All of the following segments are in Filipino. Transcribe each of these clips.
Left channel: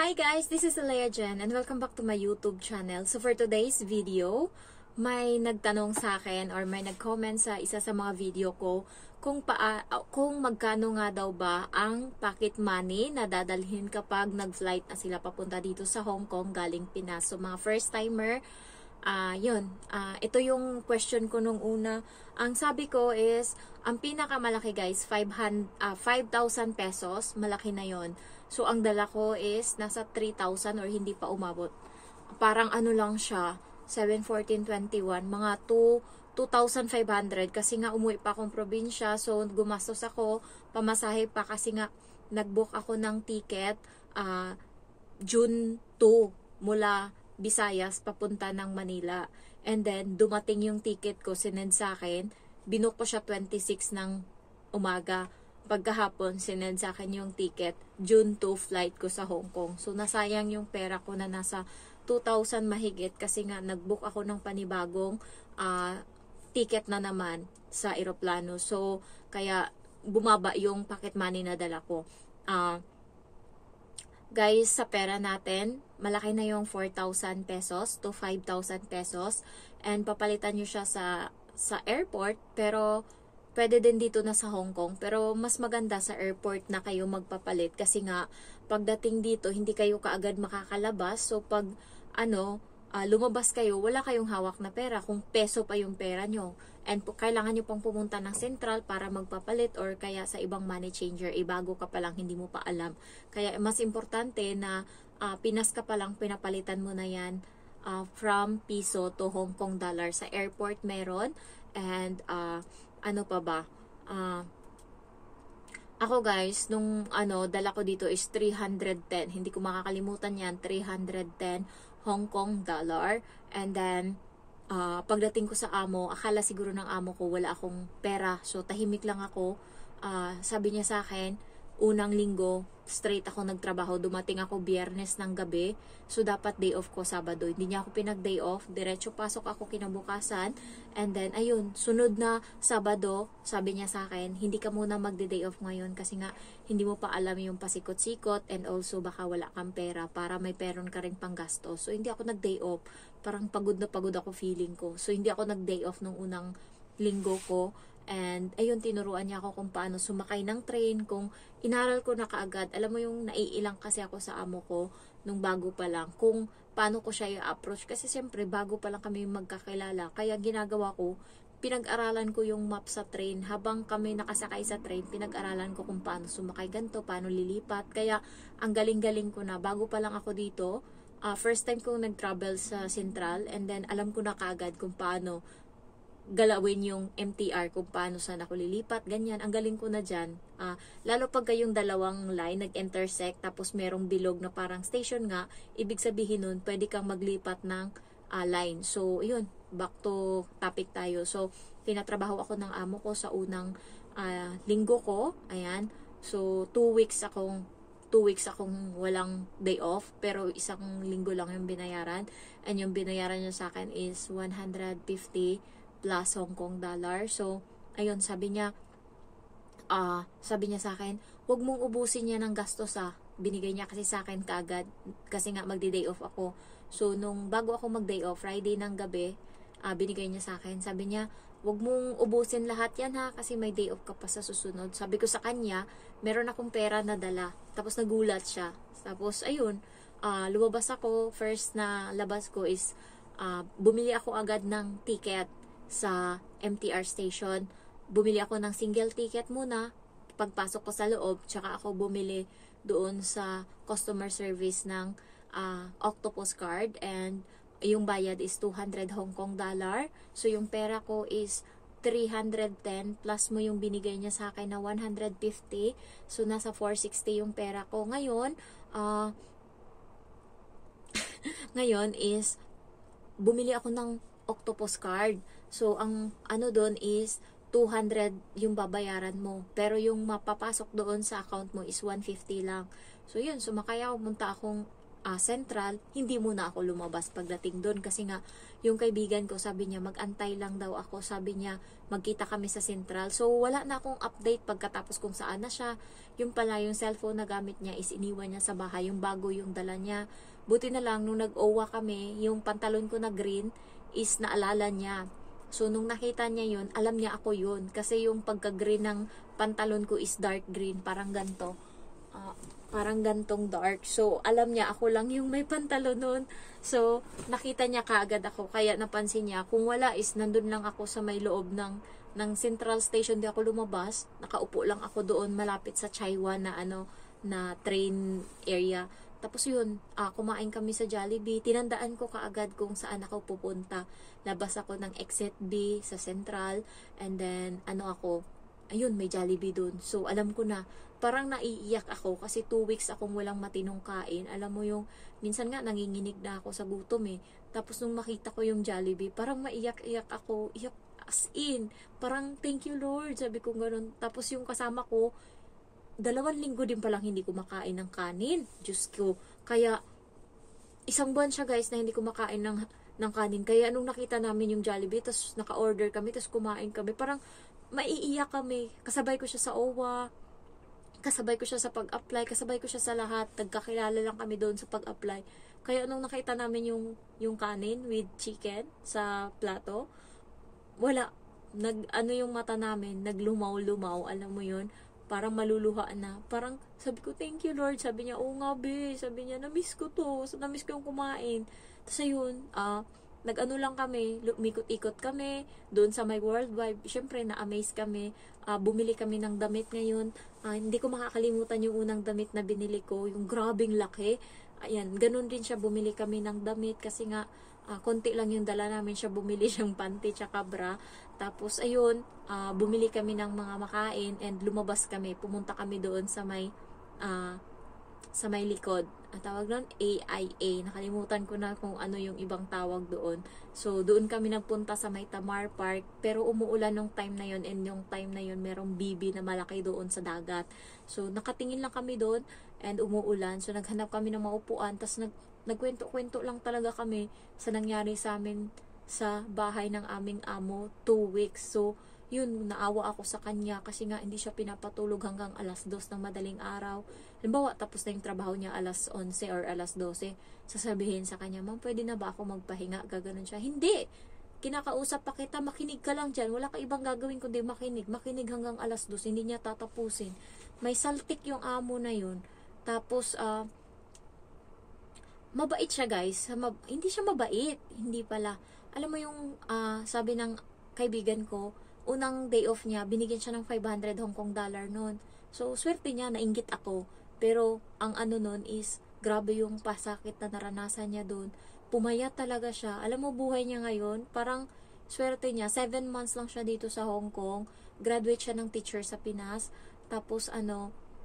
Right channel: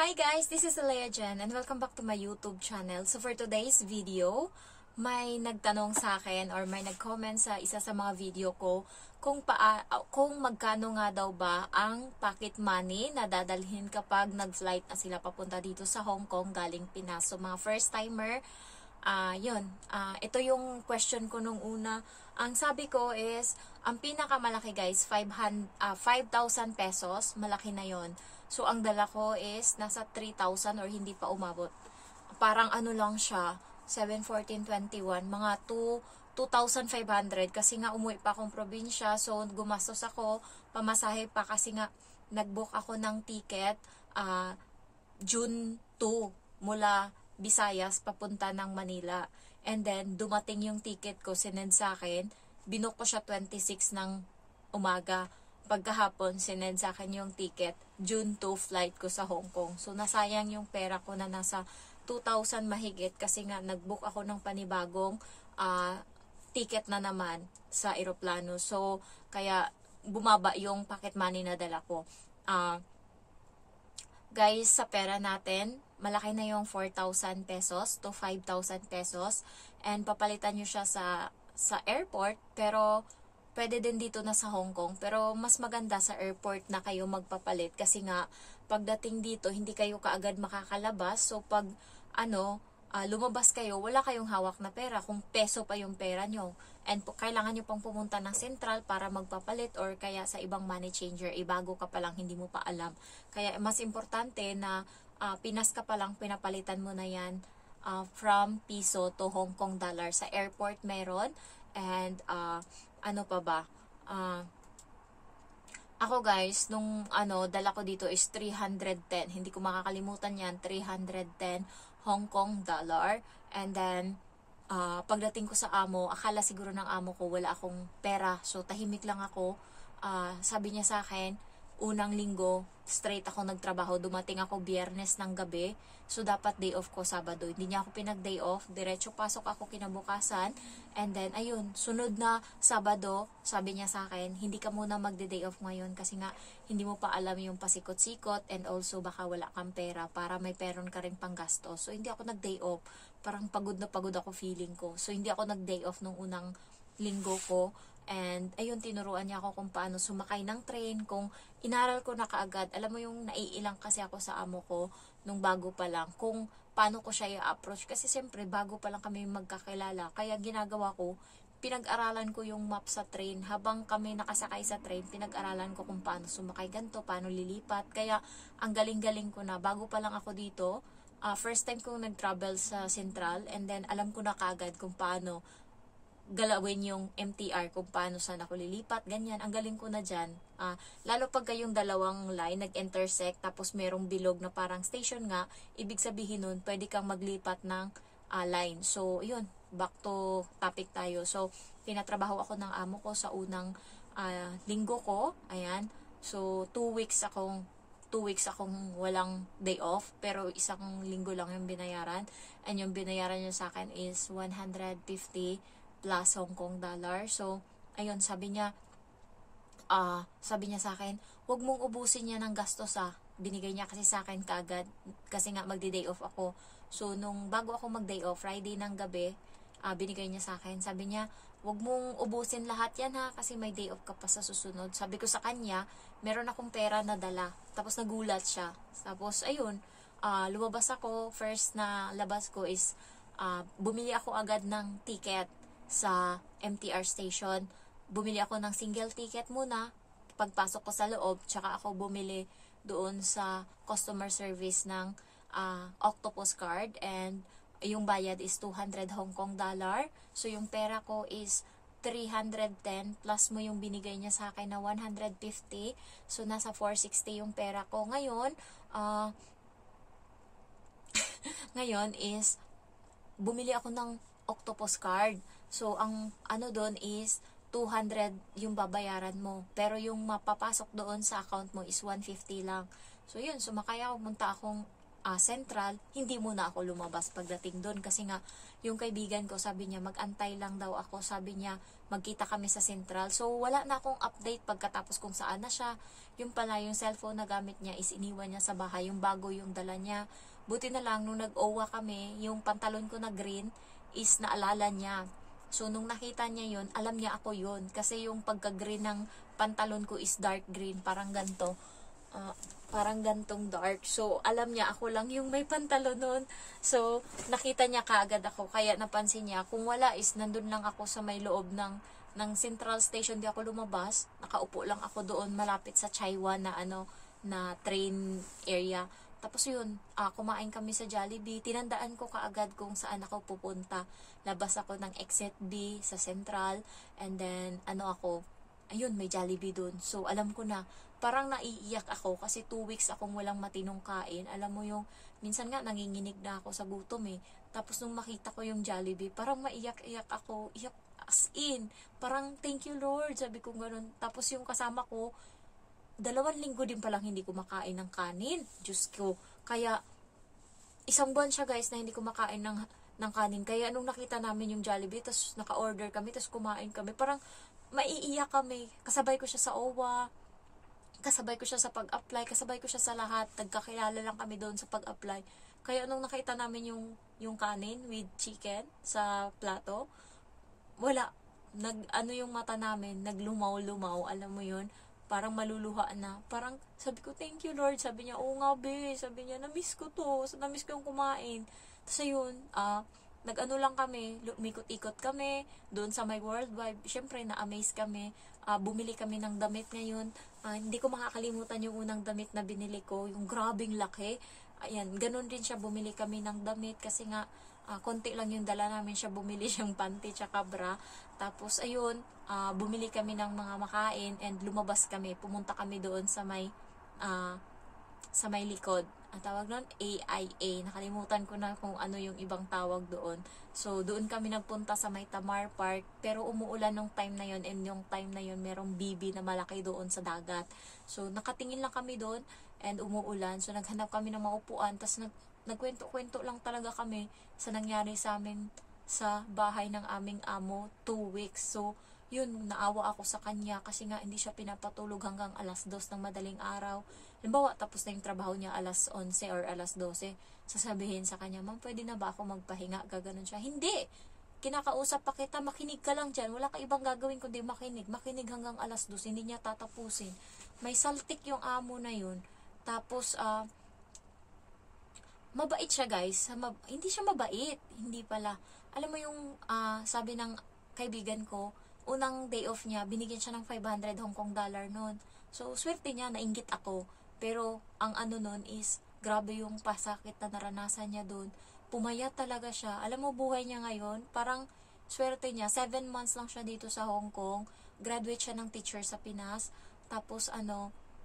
Hi guys, this is Alea Jen and welcome back to my YouTube channel. So for today's video, may nagtanong sa akin or may nag-comment sa isa sa mga video ko kung magkano nga daw ba ang pocket money na dadalhin kapag nag-flight na sila papunta dito sa Hong Kong galing Pinas. So mga first timer, ito yung question ko nung una. Ang sabi ko is, ang pinakamalaki guys, 5,000 pesos, malaki na yon. So, ang dala ko is nasa 3,000 or hindi pa umabot. Parang ano lang siya, 7, 14, 21, mga 2,500 kasi nga umuwi pa akong probinsya. So, gumastos ako, pamasahe pa kasi nga nag-book ako ng ticket June 2 mula Visayas papunta ng Manila. And then, dumating yung ticket ko, sinend sa akin, binook ko siya 26 ng umaga. Pagkahapon, sinend sa akin yung ticket, June 2 flight ko sa Hong Kong. So, nasayang yung pera ko na nasa 2,000 mahigit kasi nga nag-book ako ng panibagong ticket na naman sa eroplano. So, kaya bumaba yung pocket money na dala ko. Guys, sa pera natin, malaki na yung 4,000 pesos to 5,000 pesos. And papalitan nyo siya sa airport, pero pwede din dito na sa Hong Kong, pero mas maganda sa airport na kayo magpapalit kasi nga pagdating dito hindi kayo kaagad makakalabas. So pag lumabas kayo, wala kayong hawak na pera kung peso pa yung pera nyo. And kailangan nyo pang pumunta ng Central para magpapalit or kaya sa ibang money changer, bago ka pa lang, hindi mo pa alam. Kaya mas importante na Pinas ka pa lang, pinapalitan mo na yan from piso to Hong Kong dollar. Sa airport meron. And ano pa ba? Ako guys, nung dala ko dito is 310. Hindi ko makakalimutan yan. 310 Hong Kong dollar. And then, pagdating ko sa amo, akala siguro ng amo ko wala akong pera. So, tahimik lang ako. Sabi niya sa akin, unang linggo, straight ako nagtrabaho. Dumating ako Biyernes ng gabi. So, dapat day off ko Sabado. Hindi niya ako pinag-day off. Diretso pasok ako kinabukasan. And then, ayun, sunod na Sabado, sabi niya sa akin, hindi ka muna magde-day off ngayon kasi nga, hindi mo pa alam yung pasikot-sikot and also baka wala kang pera para may peron ka rin pang gasto. So, hindi ako nag-day off. Parang pagod na pagod ako feeling ko. So, hindi ako nag-day off nung unang linggo ko. And, ayun, tinuruan niya ako kung paano sumakay ng train, kung inaral ko na kaagad. Alam mo yung naiilang kasi ako sa amo ko nung bago pa lang, kung paano ko siya i-approach. Kasi siyempre, bago pa lang kami magkakilala. Kaya ginagawa ko, pinag-aralan ko yung map sa train. Habang kami nakasakay sa train, pinag-aralan ko kung paano sumakay ganito, paano lilipat. Kaya, ang galing-galing ko na. Bago pa lang ako dito, first time kong nag-travel sa Central, and then alam ko na kaagad kung paano galawin yung MTR, kung paano saan ako lilipat, ganyan. Ang galing ko na dyan. Lalo pag kayong dalawang line nag-intersect, tapos merong bilog na parang station nga, ibig sabihin nun, pwede kang maglipat ng line. So, yun, back to topic tayo. So, tinatrabaho ako ng amo ko sa unang linggo ko. Ayan. So, 2 weeks akong walang day off, pero isang linggo lang yung binayaran. And yung binayaran niya sa akin is 150 plus Hong Kong dollar. So, ayun, sabi niya sa akin, huwag mong ubusin niya ng gastos Binigay niya kasi sa akin kaagad, kasi nga magdi-day off ako. So, nung bago ako mag-day off, Friday ng gabi, binigay niya sa akin. Sabi niya, huwag mong ubusin lahat yan kasi may day off ka pa sa susunod. Sabi ko sa kanya, meron akong pera na dala. Tapos nagulat siya. Tapos, ayun, lumabas ako. First na labas ko is, bumili ako agad ng ticket sa MTR station. Bumili ako ng single ticket muna. Pagpasok ko sa loob, tsaka ako bumili doon sa customer service ng Octopus card, and yung bayad is 200 Hong Kong dollar. So yung pera ko is 310 plus mo yung binigay niya sa akin na 150. So nasa 460 yung pera ko. Ngayon, ngayon is bumili ako ng Octopus card. So, ang doon is 200 yung babayaran mo. Pero yung mapapasok doon sa account mo is 150 lang. So, yun. Sumakay ako. Punta akong Central, hindi muna ako lumabas pagdating doon kasi nga yung kaibigan ko sabi niya magantay lang daw ako, sabi niya magkita kami sa Central. So wala na akong update pagkatapos kung saan na siya. Yung pala yung cellphone na gamit niya is iniwan niya sa bahay, yung bago yung dala niya. Buti na lang nung nag-OWA kami, yung pantalon ko na green is naalala niya. So nung nakita niya yun, alam niya ako yun kasi yung pagka-green ng pantalon ko is dark green, parang ganto. Parang gantong dark. So, alam niya ako lang yung may pantalon nun. So, nakita niya kaagad ako. Kaya napansin niya, kung wala is nandun lang ako sa may loob ng Central Station. Di ako lumabas. Nakaupo lang ako doon malapit sa Chaiwa na na train area. Tapos yun, kumain kami sa Jollibee. Tinandaan ko kaagad kung saan ako pupunta. Labas ako ng exit B sa Central. And then, ayun, may Jollibee doon. So, alam ko na, parang naiiyak ako kasi 2 weeks akong walang matinong kain. Alam mo yung, minsan nga nanginginig na ako sa gutom eh. Tapos nung makita ko yung Jollibee, parang maiyak-iyak ako. Iyak as in. Parang, thank you Lord. Sabi ko gano'n. Tapos yung kasama ko, 2 linggo din palang hindi ko makain ng kanin. Diyos ko. Kaya, 1 buwan siya guys na hindi ko makain ng kanin. Kaya nung nakita namin yung Jollibee, tapos naka-order kami, tapos kumain kami, parang maiiyak kami. Kasabay ko siya sa OWA. Kasabay ko siya sa pag-apply, kasabay ko siya sa lahat. Nagkakilala lang kami doon sa pag-apply. Kaya nung nakita namin yung kanin with chicken sa plato, wala. Yung mata namin, naglumaw-lumaw, alam mo yun, parang maluluha na. Parang sabi ko, thank you Lord. Sabi niya, oo nga be. Sabi niya, namiss ko to. Namiss ko yung kumain. Tapos ayun, nag-ano lang kami, umikot-ikot kami doon sa my worldwide. Syempre, na-amaze kami. Bumili kami ng damit ngayon. Hindi ko makakalimutan yung unang damit na binili ko, yung grabing laki. Ayan, ganun din siya, bumili kami ng damit kasi nga, konti lang yung dala namin siya, bumili siyang panty tsaka bra. Tapos, ayun, bumili kami ng mga makain and lumabas kami. Pumunta kami doon sa may likod. Ang tawag nun, AIA. Nakalimutan ko na kung ano yung ibang tawag doon. So, doon kami nagpunta sa may Tamar Park. Pero umuulan nung time na yon, and yung time na yon merong bibi na malaki doon sa dagat. So, nakatingin lang kami doon and umuulan. So, naghanap kami ng maupuan. Tapos, nagkwento-kwento lang talaga kami sa nangyari sa amin sa bahay ng aming amo 2 weeks. So, yun, naawa ako sa kanya kasi nga hindi siya pinapatulog hanggang 2:00 ng madaling araw. Halimbawa, tapos na yung trabaho niya 11:00 or 12:00. Sasabihin sa kanya, ma'am, pwede na ba ako magpahinga? Gaganon siya. Hindi! Kinakausap pa kita, makinig ka lang dyan. Wala ka ibang gagawin kundi makinig. Makinig hanggang 2:00. Hindi niya tatapusin. May saltik yung amo na yun. Tapos, mabait siya guys. Hindi siya mabait. Hindi pala. Alam mo yung sabi ng kaibigan ko, unang day off niya, binigyan siya ng 500 Hong Kong dollar noon. So, swerte niya, nainggit ako. Pero, ang noon is, grabe yung pasakit na naranasan niya doon. Pumayat talaga siya. Alam mo, buhay niya ngayon, parang swerte niya. 7 months lang siya dito sa Hong Kong. Graduate siya ng teacher sa Pinas. Tapos,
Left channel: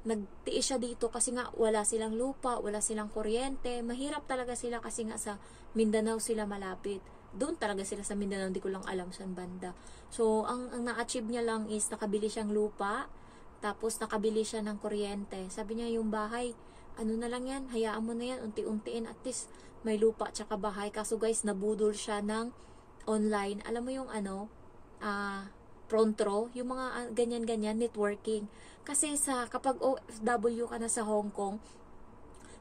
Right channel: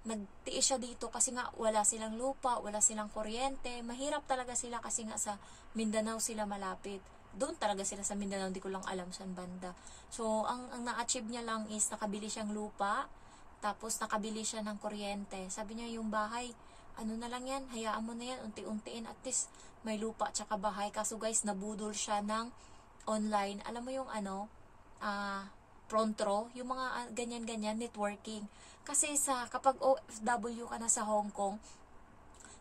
nagtiis siya dito kasi nga wala silang lupa, wala silang kuryente. Mahirap talaga sila kasi nga sa Mindanao sila malapit. Doon talaga sila sa Mindanao, hindi ko lang alam saan banda. So, ang na-achieve niya lang is nakabili siyang lupa, tapos nakabili siya ng kuryente. Sabi niya, yung bahay, na lang yan, hayaan mo na yan, unti-untiin, at least may lupa tsaka bahay. Kaso guys, nabudol siya ng online. Alam mo yung Prontro, yung mga ganyan-ganyan, networking. Kasi kapag OFW ka na sa Hong Kong,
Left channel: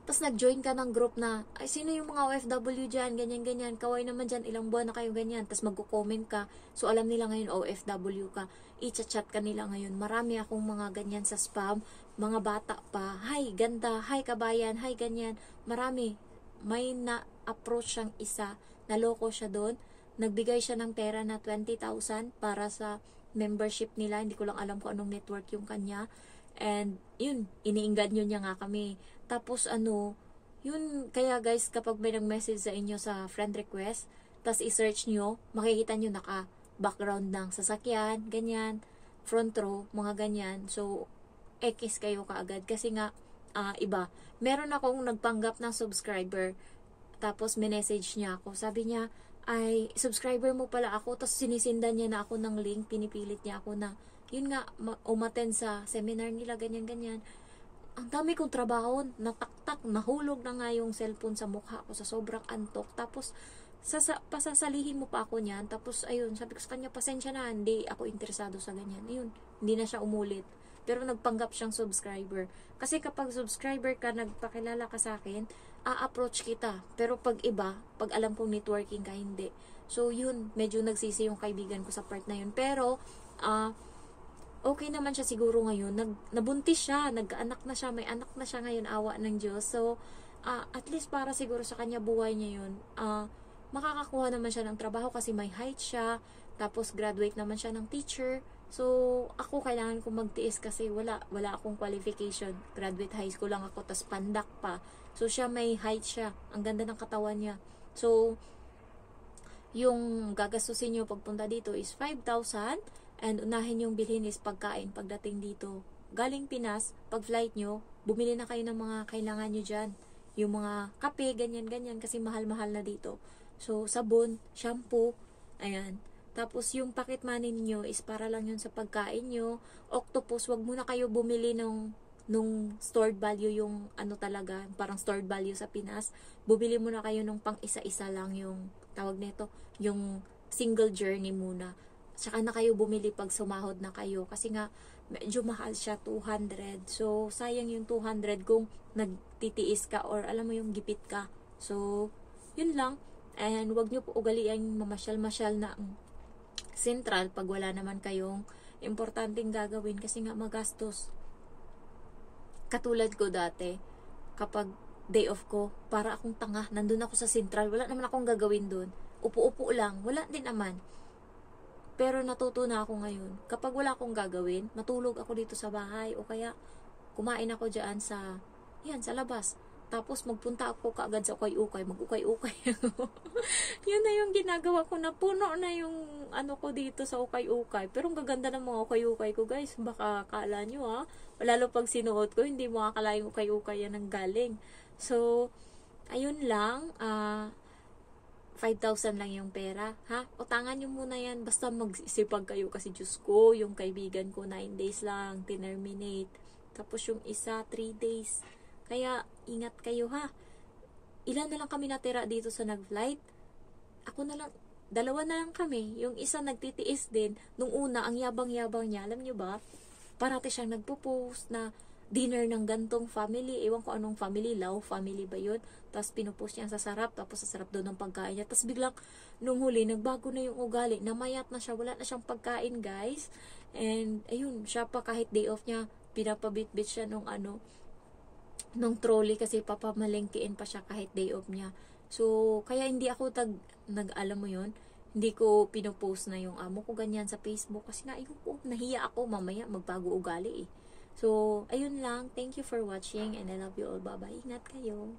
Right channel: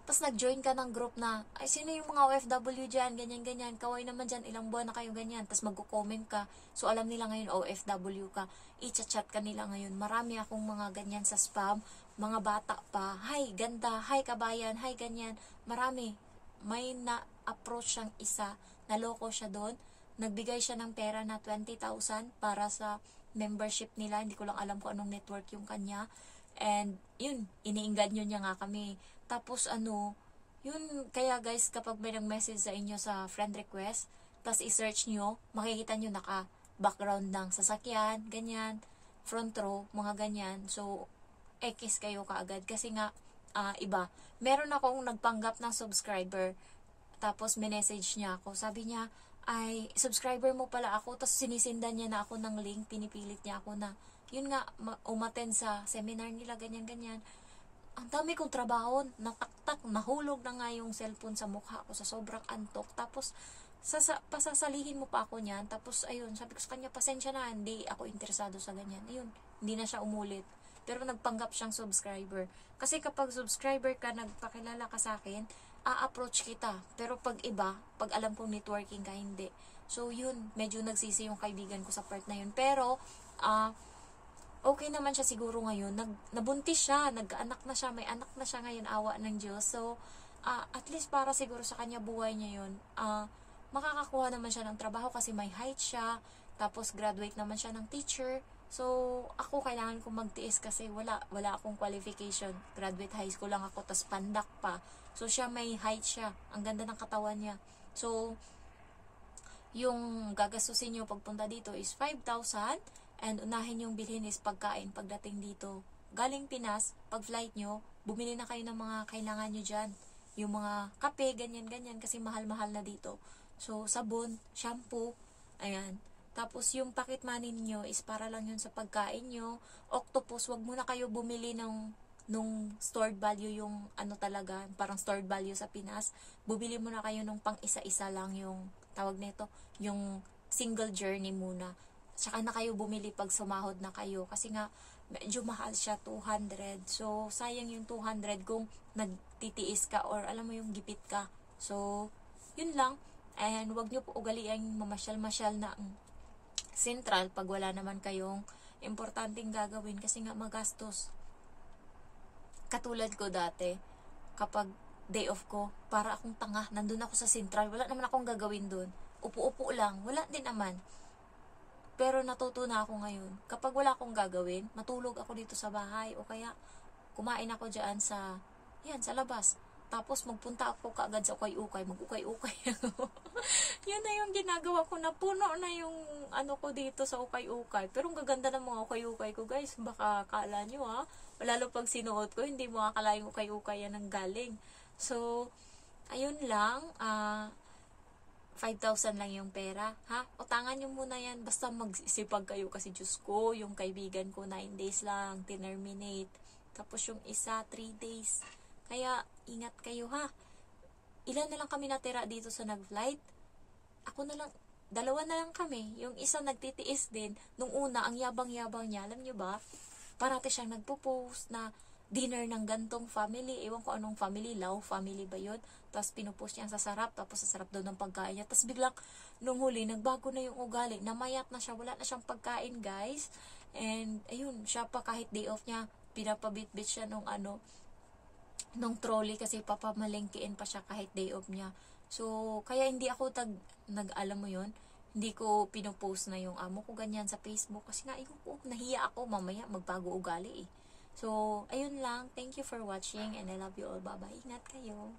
tapos nag-join ka ng group na, ay, sino yung mga OFW dyan, ganyan-ganyan, kaway naman dyan, ilang buwan na kayo ganyan, tapos magko-comment ka, so alam nila ngayon OFW ka, i-chat ka nila ngayon. Marami akong mga ganyan sa spam, mga bata pa, hi, ganda, hi, kabayan, hi, ganyan, marami. May na-approach siyang isa, naloko siya doon, nagbigay siya ng pera na 20,000 para sa membership nila, hindi ko lang alam kung anong network yung kanya, and yun, iniinganyo niya nga kami. Tapos yun, kaya guys, kapag may nag-message sa inyo sa friend request, tapos i-search nyo, makikita nyo naka-background ng sasakyan, ganyan, front row, mga ganyan. So, X kayo kaagad kasi nga, iba. Meron akong nagpanggap ng subscriber, tapos minessage niya ako. Sabi niya, ay, subscriber mo pala ako, tapos sinisindan niya na ako ng link, pinipilit niya ako na, yun nga, umattend sa seminar nila, ganyan-ganyan. ang dami kong trabaho, nataktak, nahulog na nga yung cellphone sa mukha ko sa sobrang antok. Tapos, pasasalihin mo pa ako niyan. Tapos, ayun, sabi ko sa kanya, pasensya na, hindi ako interesado sa ganyan. Ayun, hindi na siya umulit. Pero nagpanggap siyang subscriber. Kasi kapag subscriber ka, nagpakilala ka sa akin, a-approach kita. Pero pag iba, pag alam kong networking ka, hindi. So, yun, medyo nagsisi yung kaibigan ko sa part na yun. Pero, okay naman siya siguro ngayon. Nabuntis siya, nag-anak na siya, may anak na siya ngayon, awa ng Diyos. So, at least para siguro sa kanya buhay niya yun, makakakuha naman siya ng trabaho kasi may height siya, tapos graduate naman siya ng teacher. So, ako kailangan kong magtiis kasi wala akong qualification. Graduate high school lang ako, tas pandak pa. So, siya may height siya. Ang ganda ng katawan niya. So, yung gagastusin nyo pagpunta dito is 5,000 and unahin yung bilhin is pagkain pagdating dito. Galing Pinas, pag flight nyo, bumili na kayo ng mga kailangan nyo dyan. Yung mga kape, ganyan-ganyan kasi mahal-mahal na dito. So, sabon, shampoo, ayan. Tapos, yung pocket money niyo is para lang yun sa pagkain nyo. Octopus, wag muna kayo bumili nung stored value, yung ano talaga, parang stored value sa Pinas. Bumili muna kayo nung pang isa-isa lang yung tawag nito, yung single journey muna. Saka na kayo bumili pag sumahod na kayo. Kasi nga, medyo mahal siya, 200. So, sayang yung 200 kung nagtitiis ka or alam mo yung gipit ka. So, yun lang. And wag nyo po ugalian mamasyal-masyal na Central pag wala naman kayong importanteng gagawin kasi nga magastos. Katulad ko dati, kapag day off ko, para akong tanga, nandun ako sa Central, wala naman akong gagawin dun. Upo-upo lang, wala din naman. Pero natuto na ako ngayon, kapag wala akong gagawin, matulog ako dito sa bahay o kaya kumain ako dyan sa labas. Tapos magpunta ako kaagad sa ukay-ukay, mag-ukay-ukay. Yun na yung ginagawa ko, na puno na yung ano ko dito sa ukay-ukay. Pero ang gaganda ng mga ukay-ukay ko, guys. Baka akala nyo lalo pag sinuot ko, hindi mo akala yung ukay-ukay yan ang galing. So, ayun lang, 5,000 lang yung pera, ha? Utangan nyo muna yan, basta magsipag kayo kasi Diyos ko, yung kaibigan ko 9 days lang, terminate. Tapos yung isa, 3 days. Kaya, ingat kayo ha. Ilan na lang kami natira dito sa nag-flight? Ako na lang, 2 na lang kami. Yung isa nagtitiis din. Nung una, ang yabang-yabang niya, alam nyo ba? Parati siyang nagpo-post na dinner ng gantong family. Ewan ko anong family, Lau family ba yun? Tapos pinupost niya sa sarap, tapos sa sarap daw ng pagkain niya. Tapos biglang, nung huli, nagbago na yung ugali. Namayat na siya, wala na siyang pagkain, guys. And, ayun, siya pa kahit day off niya, pinapabit-bit siya nung trolley kasi papamalengkein pa siya kahit day off niya. So, kaya hindi ako alam mo yun, hindi ko pinopost na yung amo ko ganyan sa Facebook kasi nga, nahiya ako mamaya magbago ugali eh. So, ayun lang. Thank you for watching and I love you all. Bye-bye. Ingat kayo.